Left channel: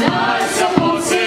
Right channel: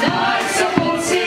Nossa, você